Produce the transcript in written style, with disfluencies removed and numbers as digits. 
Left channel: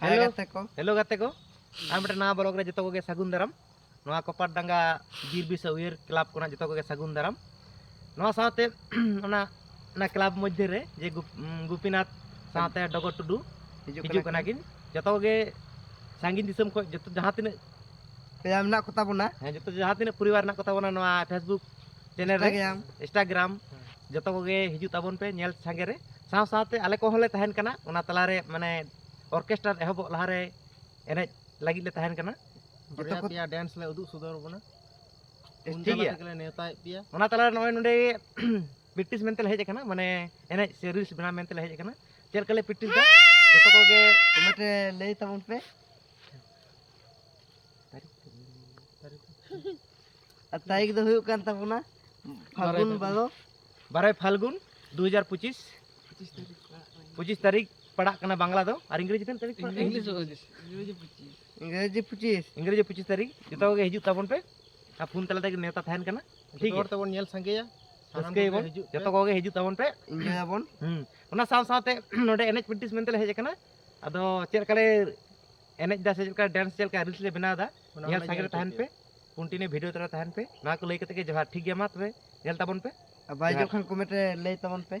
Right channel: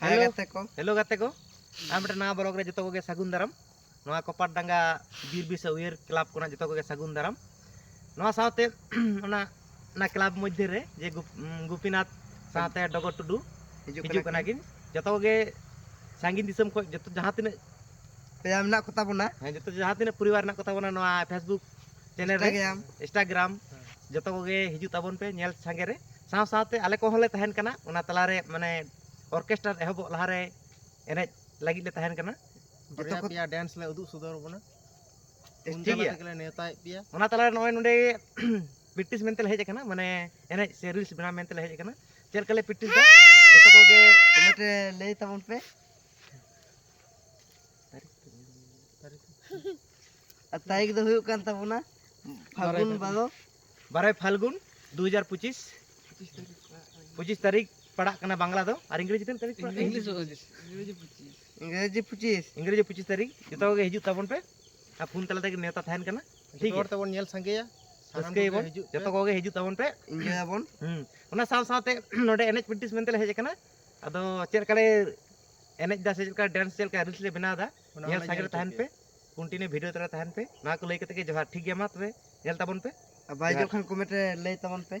hello गाते को आम ना ब्लॉग रे जतो को सागुन दाराम नोआ कोपार डांगा बीर बिस उयर क्लब को जतो को सागुन दाराम नोआ साथे ना क्लब मध्य रे जे गोपीनाथ साथे डगर टुडू हिजु कना किन जतो के सांगिन दिसम को जतो जहां तिने पेया मना कोता बना है जतो जहां तिने परिवार ना कोता बना नोआ फेसबुक चैनल रे इंस्टाग्राम जतो के हिजु ताबन पे नेल सांगे रे साव साथे आले को होले तहन कना ओना तला रे माने ऑर्केस्ट्रा एहब लहारे एने लगी ले तहन कना जतो को पिया डांस ले उदु सुदर बना ठीक है तकले नेताय पिया ओना तला नय नडे प्रैक्टिस मेंते हेज कना माने एने से रील्स बना मेंते हेज कना चेल कले प्रैक्टिस दा जतो को गे कमेंट ले तबन पे तारीख दो हुयो कान तबना फाल्गुन 12 फाल्गुन 2025 25 तारीख पड़ा कना बांग्ला दो और इंग्रेजी तेन तारीख इंग्रेजी 25 तारीख जतो के हिजु ताबन पे आ फोन तला तक नेता थान कना ठीक है तबन नेल संगेया सके बन जतो को हिजु ताबन पे इंजय ताबन ओना साव सावते नोडे एनएच प्रैक्टिस मेंते हेज कना अदो चेल कले एनएच दा से का डांस चेल का रील्स ले बना दा नेल संगे थान पे कंटिन्यू वीडियो तरा थान पे ना को लई कते के जवार ठीक गया मा तबे नेल ताबन पे भाई जो खान कमेंट ले ताबन पे